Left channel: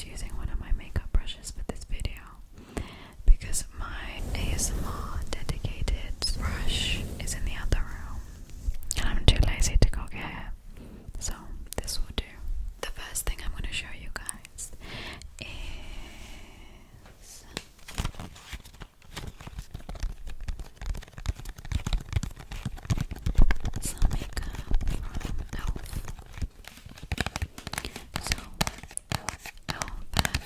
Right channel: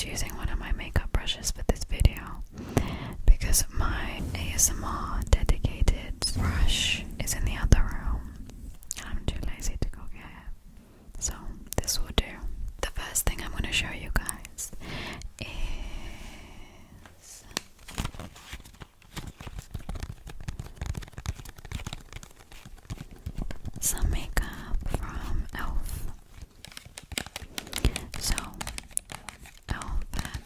just using one of my makeup brushes for this video because my ASMR dedicated brush is in the other room and I'm too lazy to go get it. So this will do. The first thing I'm going to show you guys is some makeup from e.l.f. So e.l.f.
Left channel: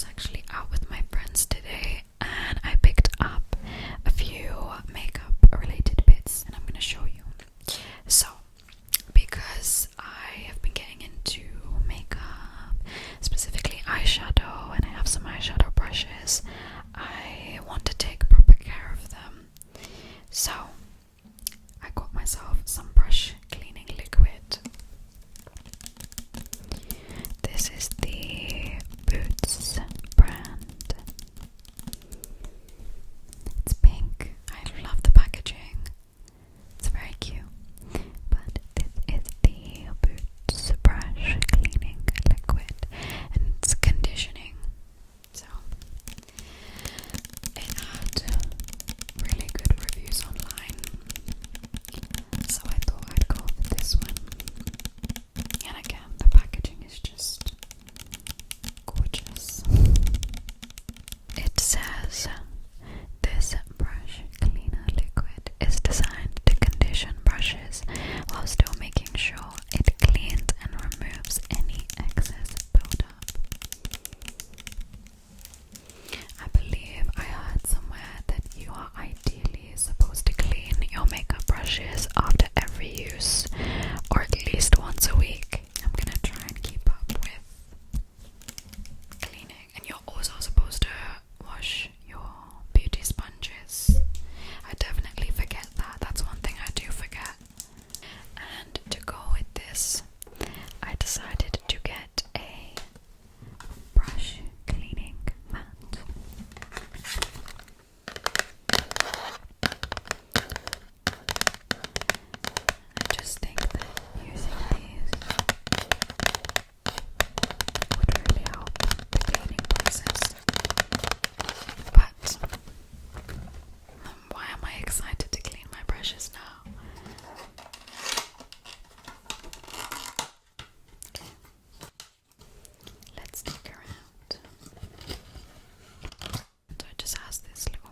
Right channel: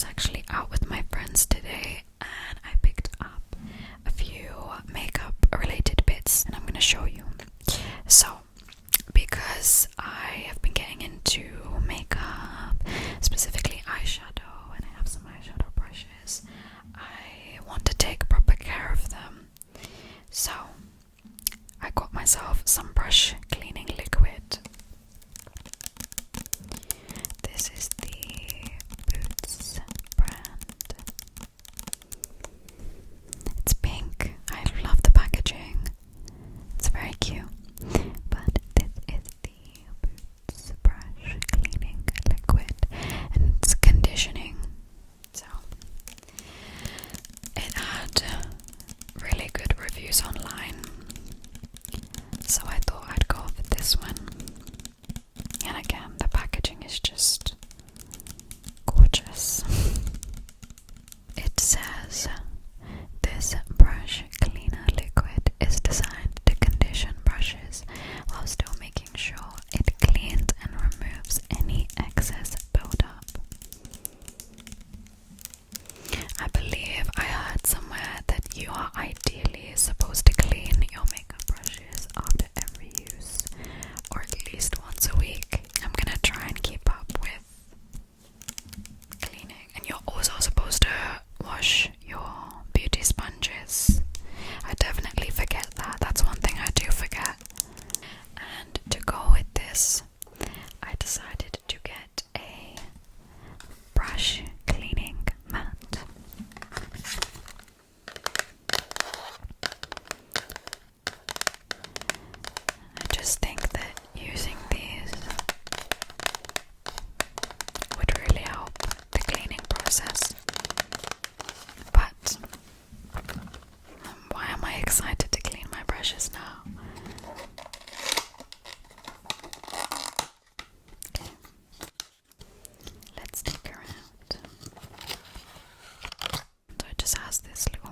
was actually out with my friends today and I picked up a few makeup related bits and I'm gonna show you. So, because I have been getting into makeup, specifically eyeshadow, and I have some eyeshadow brushes, I want to take proper care of them. So, I got myself some brush cleaning liquid. This is the Boots brand. It's pink. I love the packaging. It's very cute. But this is the Boots brush cleaning liquid, and it's conditioning. So it had really good reviews online, so I thought I'd go for this one. And again, the packaging is just gorgeous. It says this brush cleaner liquid is designed to condition brushes while still making sure it cleans and removes any excess buildup. I believe I heard somewhere that you are ideally supposed to clean your makeup brushes after every use, or at least once a week. I'm gonna try and keep up with cleaning. And you're also supposed to wash your beauty sponges. I definitely forget that. That's one thing I do forget. And to go with this, I decided to get a brush cleaning mat. I just think that using these would really help the cleaning process. But why am I excited to clean my brushes now? Okay. Let's take her out. So it just has this little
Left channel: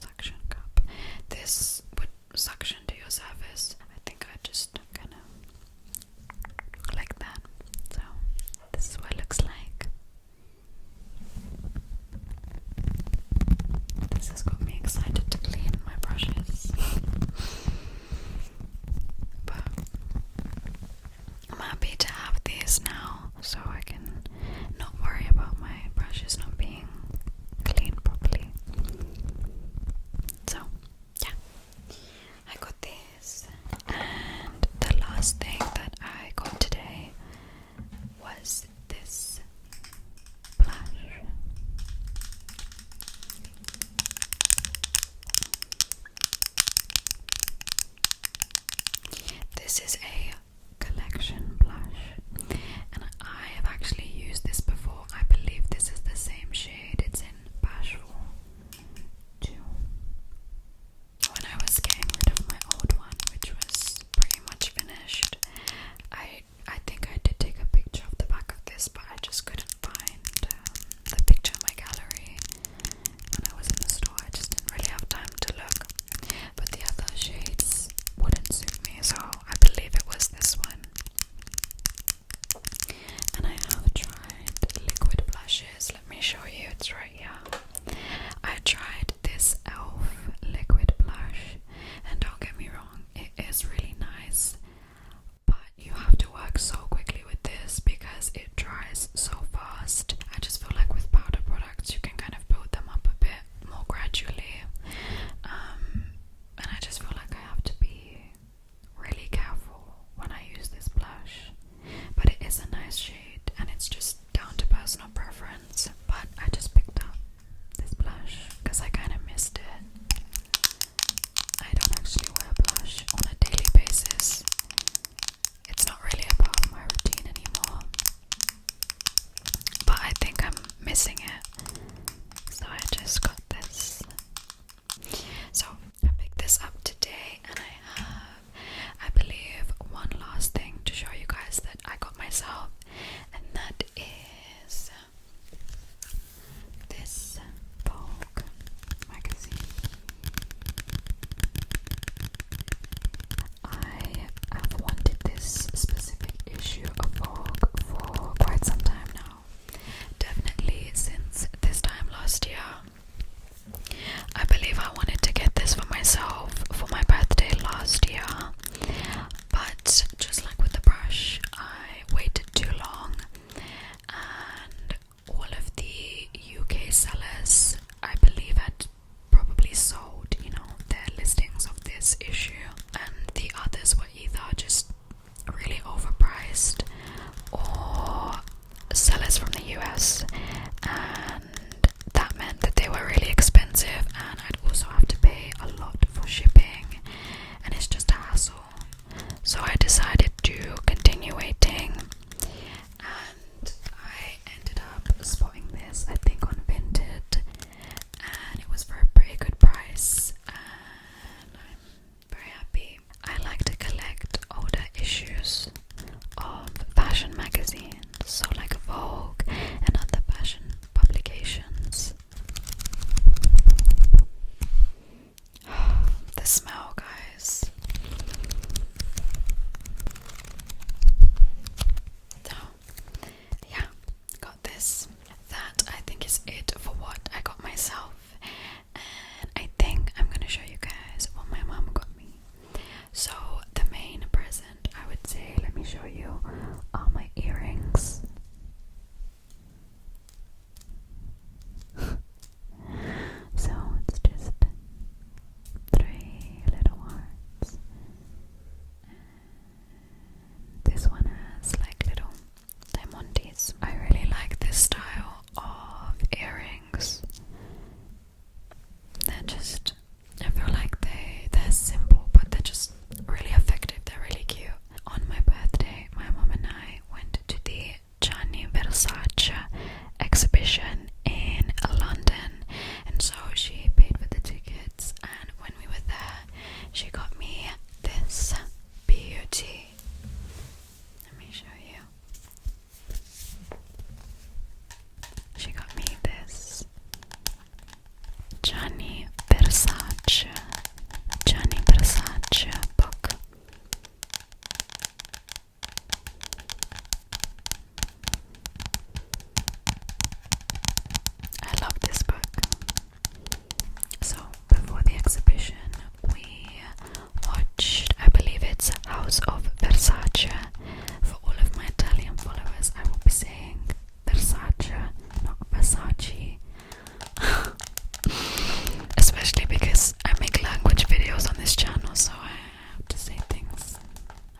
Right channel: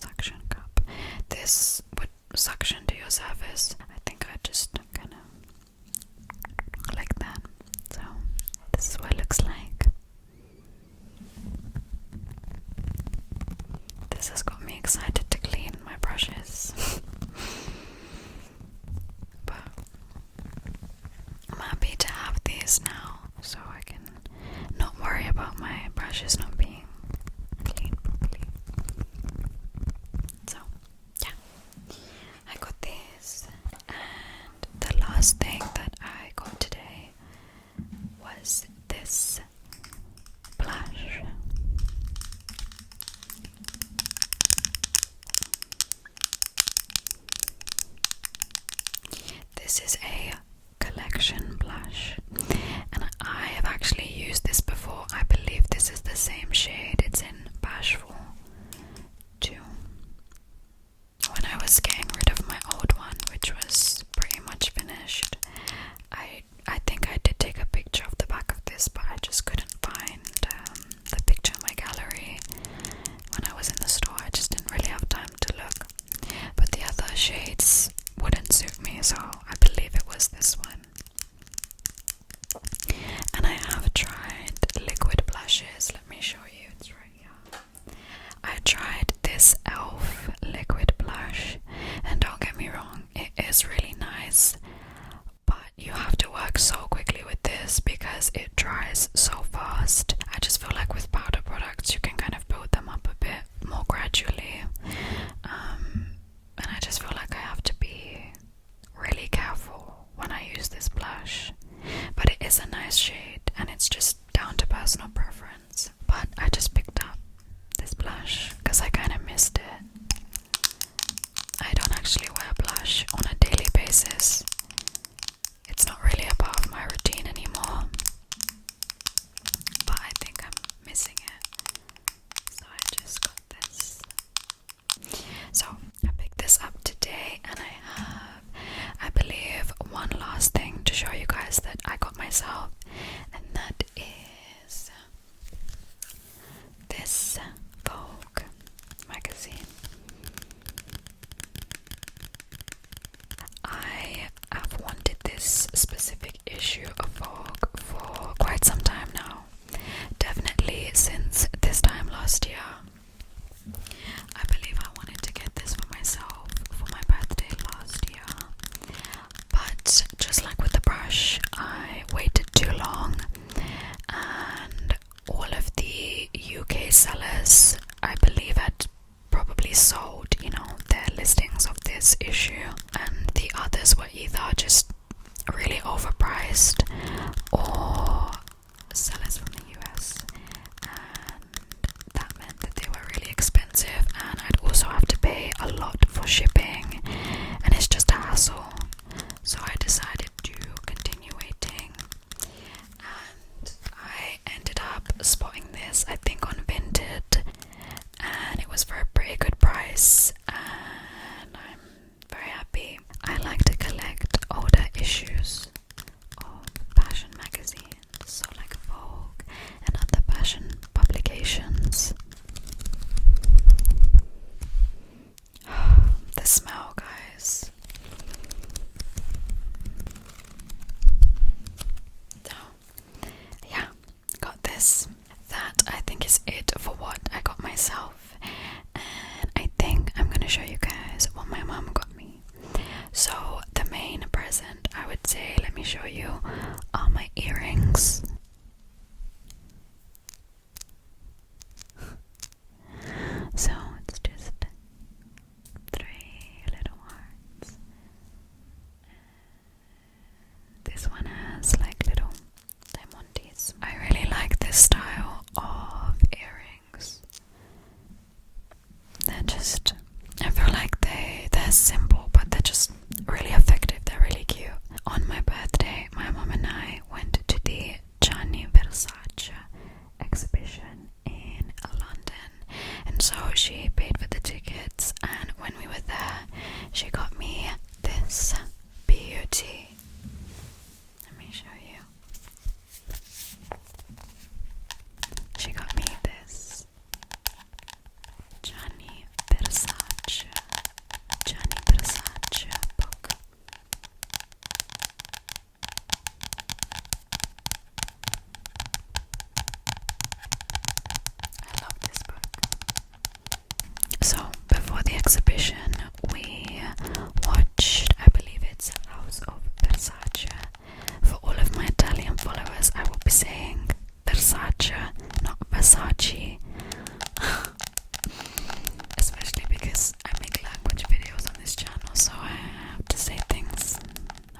suction cup. This would suction to your surface. I think I just kind of like that. So this is what it looks like. This has got me excited to clean my brushes. But I'm happy to have these now, so I can not worry about my brushes not being cleaned properly. So, yeah, I got these. And the last thing that I got today was this blush. This is a collection blush, and I have actually used this before. I believe this is the same shade. It's in Bashful 2. When I was getting rid of my old one, which was pretty much finished, I think I did take a picture of the back of this, but I just couldn't find the picture in my gallery when I was in the store. I just didn't really have time to look. But the other shades wouldn't suit me, so I believe it was this one. And I have tried liquid blushes. Let me show you, it's right here. I tried this e.l.f. liquid blush, and don't get me wrong, it is really nice, but you have to work so quickly with this because it dries so fast. I just feel like with powder products you can kind of build them up a bit more gradually, and I just feel like I have to be really careful when I use this blush. But it is a nice shade, and it's just down to personal preference. But I just picked up this blush because I kind of missed it. I don't actually wear blush on a daily basis. It's not really a part of my routine anymore, but I think I'm missing it, so I just got this. So I picked this up today, and I have, I believe, one last thing to show you guys that I got myself, and that is this Vogue magazine. I have wanted this specific issue of Vogue for quite some time now. Definitely since is it for what I got myself. And I think I'm gonna show you guys what my mom got me. So the main present, I would say, let me show you, are my earrings. So it's just 3 little hearts. This one has like little diamonds. I really like this style of earrings. They're just, I feel like they're simple, but they're just really effective. They're really cute. On my birthday, my mom and I went to the Gianni Versace exhibition in London, and so she paid for the tickets, and when we were there she got me this beauty. Let me show you. She got me this Gianni Versace book. I love this book. So before the exhibition we watched, I believe it's House of Versace. For all of my Italian followers, I will be saying Versace, not Versace. Especially because I make language videos on this channel, so I have to say things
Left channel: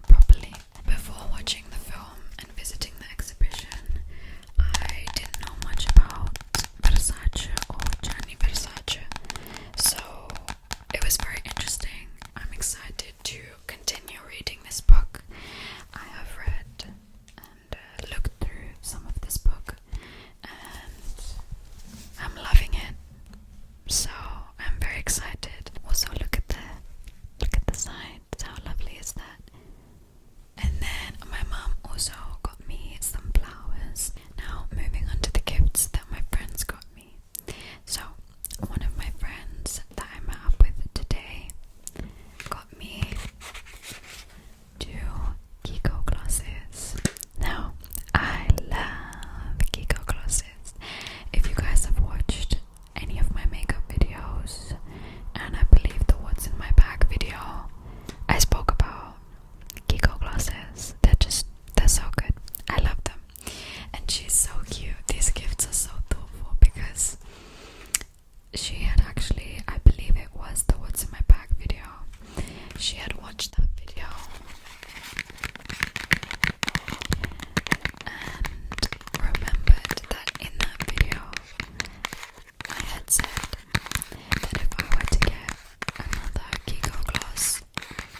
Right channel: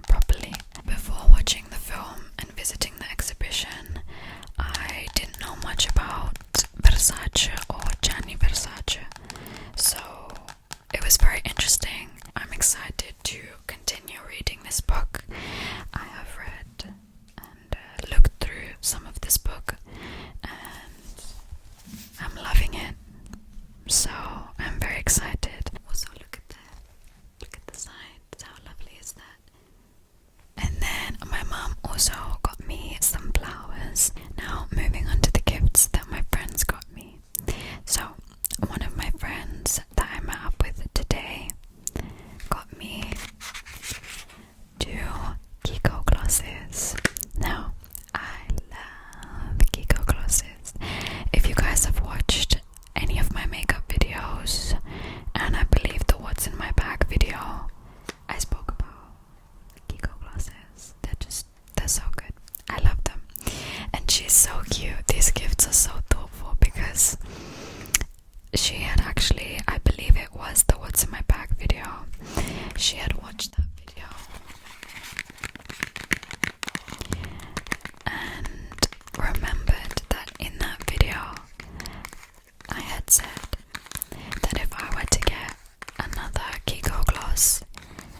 properly. Before watching the film and visiting the exhibition, I didn't know much about Versace or Gianni Versace, so it was very interesting. I'm excited to continue reading this book. I have read and looked through some of this book, and I'm loving it. So I'm very excited. Also, look at the sides. How lovely is that? And then my mom also got me some flowers. Now moving on to the gifts that my friends got me. So one of my friends that I met up with today got me 2 Kiko glosses. Now I love Kiko glosses. If you guys have watched any of my makeup videos, and I believe the what's in my bag video, I spoke about Kiko glosses. They're so good. I love them. And she's so cute. These gifts are so thoughtful because she had actually, I believe it was the what's in my bag video, she had watched that video and remembered that in that video I had said that if I were to get another Kiko gloss,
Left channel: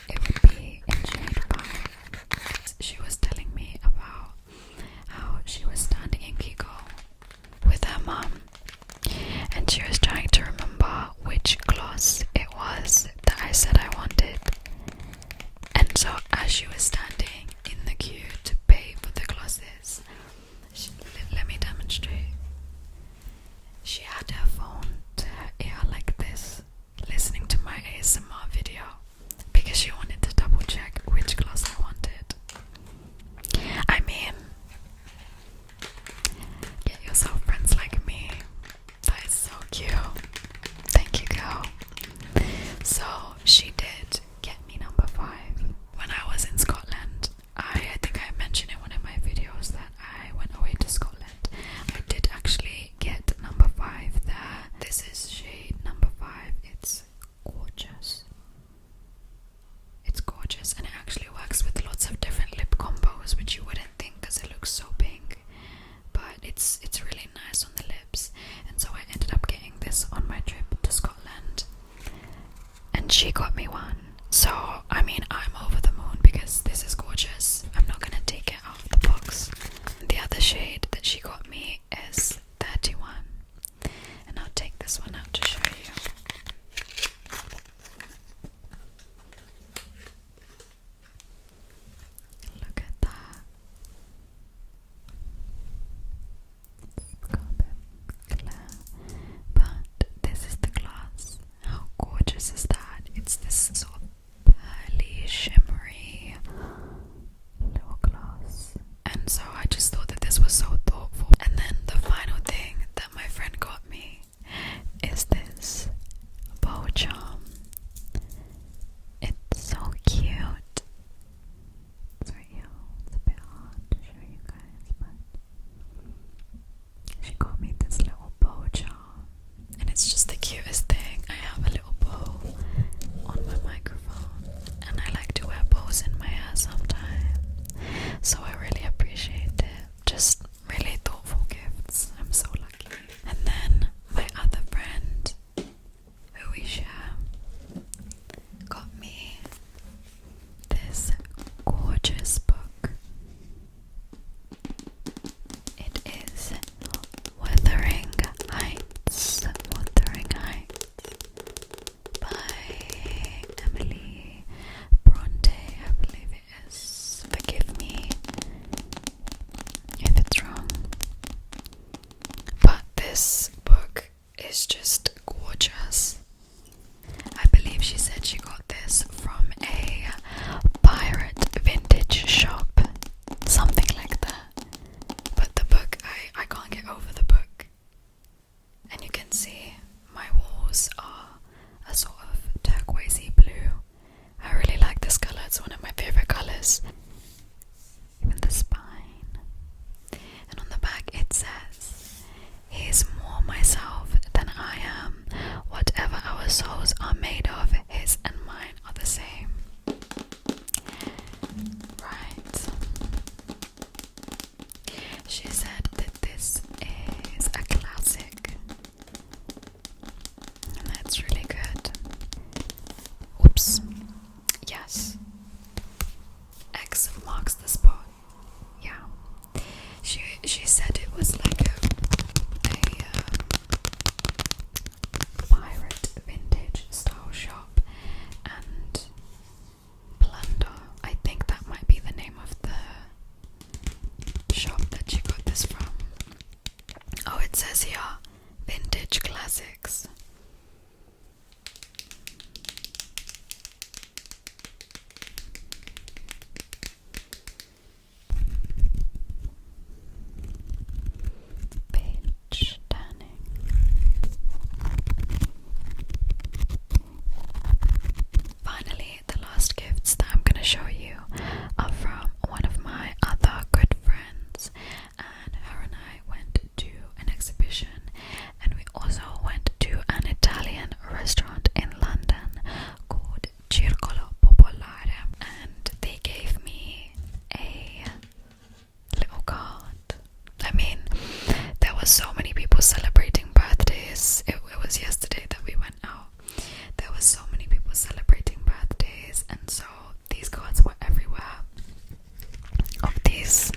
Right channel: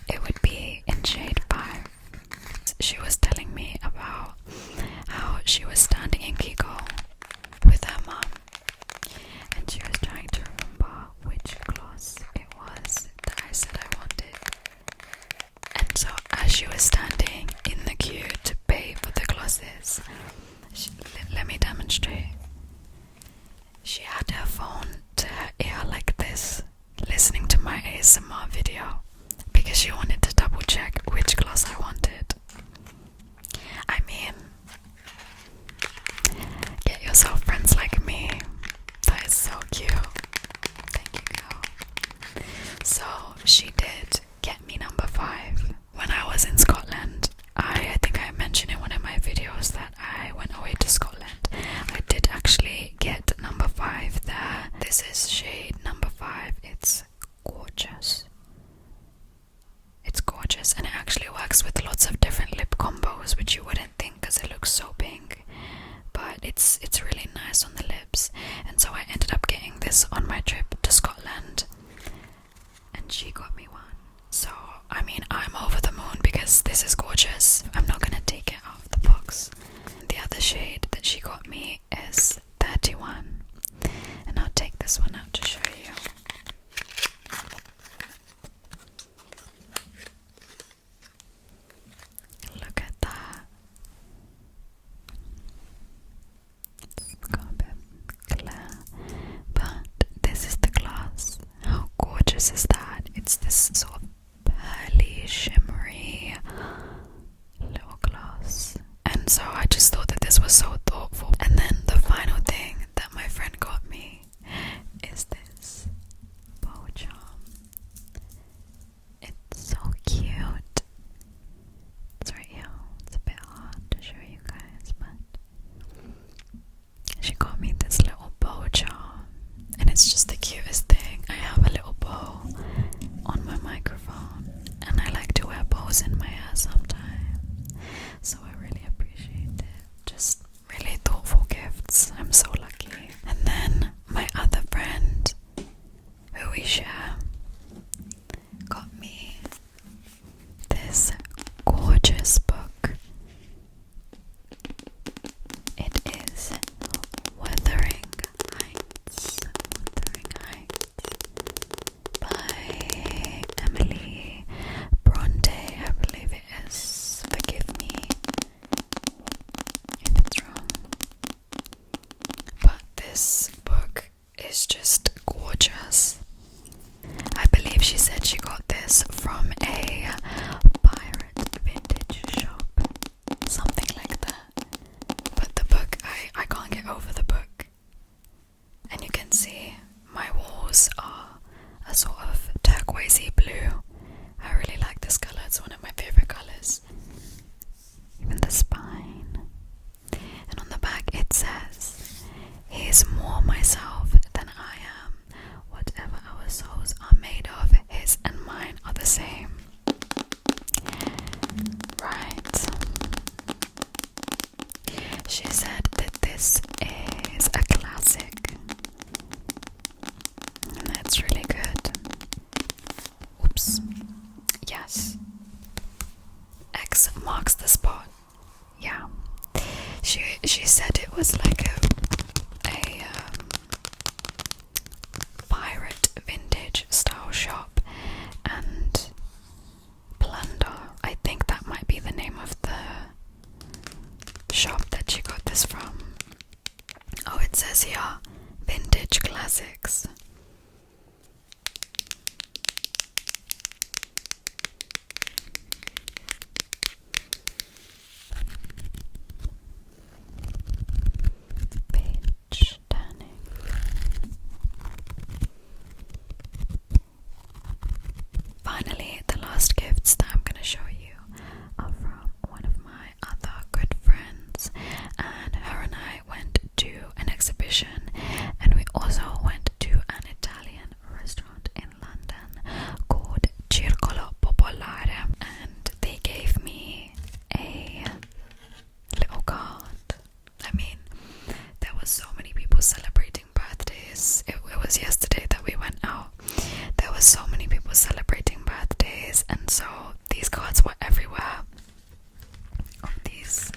it would be in shade 5. She was telling me about how she was standing in Kiko with her mum, and she was trying to remember which gloss it was that I said I wanted. And so as she was standing in the queue to pay for the glosses, let me demonstrate. She had her phone to her ear like this, listening to my ASMR video, because she wanted to double check which gloss I wanted. I mean, get yourself friends like me. That is so cute. Thank you, girl. So she did get me number 5. When I was in Scotland, I think I mentioned in one of my videos that I went away to Scotland. I did actually get number 5 there. This is shade number 5. It's gorgeous. It's gorgeous, and it actually works with lots of different lip combos, which you wouldn't think because it looks so pink. But it's really nice on the lips. And so I ended up getting this on my trip to Scotland, and she got me one. So I mean, I'm over the moon because this is gorgeous. I'm not gonna take it out of the box. The other shade that she got me is 31, and I'll take this one out to show you. Look at that. It's got a bit clear, but this is the glass. How gorgeous is that? It's this sort of pearly, shimmery little glass. And so I just thought that this was so this book is just gorgeous. I believe she said she got this from a pirate vintage shop, something like that. But the book, I can't get over the book. And you can see my walls are a sort of turquoisey blue. I really like this colour, it's one of my favourite colours. Even the spine. And on the back it says, "He is more myself than I am. Whatever our souls are made of, his and mine are the same." Right. She said that this is a classic. And that's really good. Oops. Yes. X marks the spot. Yeah. She said it was like a pirate vintage style shop, and plunder, I think that might be the name of the shop that she got this from. Oh, it says here, vintage classics. Page turning. Finally, the last gifts that I'm going to show you are from one of my other good friends, and her and I went to an exhibition, and we also went to an Italian restaurant in London called Circolo Popolare, and they gave me a little card. I mean, there were so many people celebrating birthdays. It was yesterday that we went out. There were so many people celebrating birthdays, and so these cards were everywhere of these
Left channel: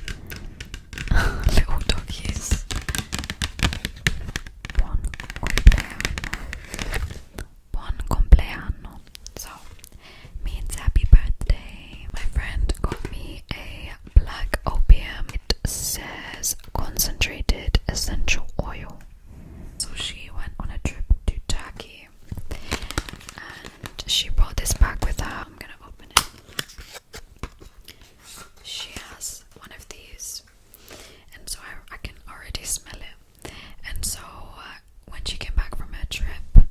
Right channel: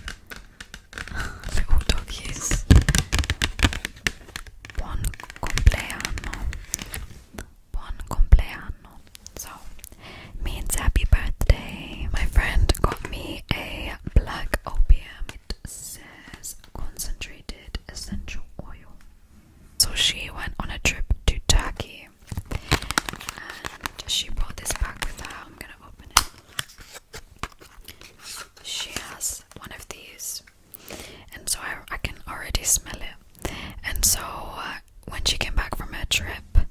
little doggies. Buon compleanno. Buon compleanno. So, means happy birthday. My friend got me a black opium. It says concentrated essential oil. So she went on a trip to Turkey, and she brought this back with her. I'm gonna open it. She has one of these, and so I can already smell it. And so when she came back from her trip,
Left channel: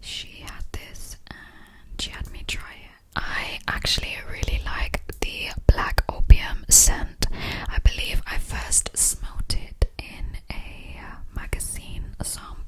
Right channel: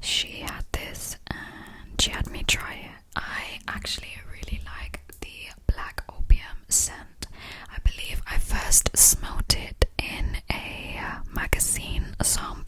she had this and she had me try it. I actually really like the black opium scent. I believe I first smelt it in a magazine sample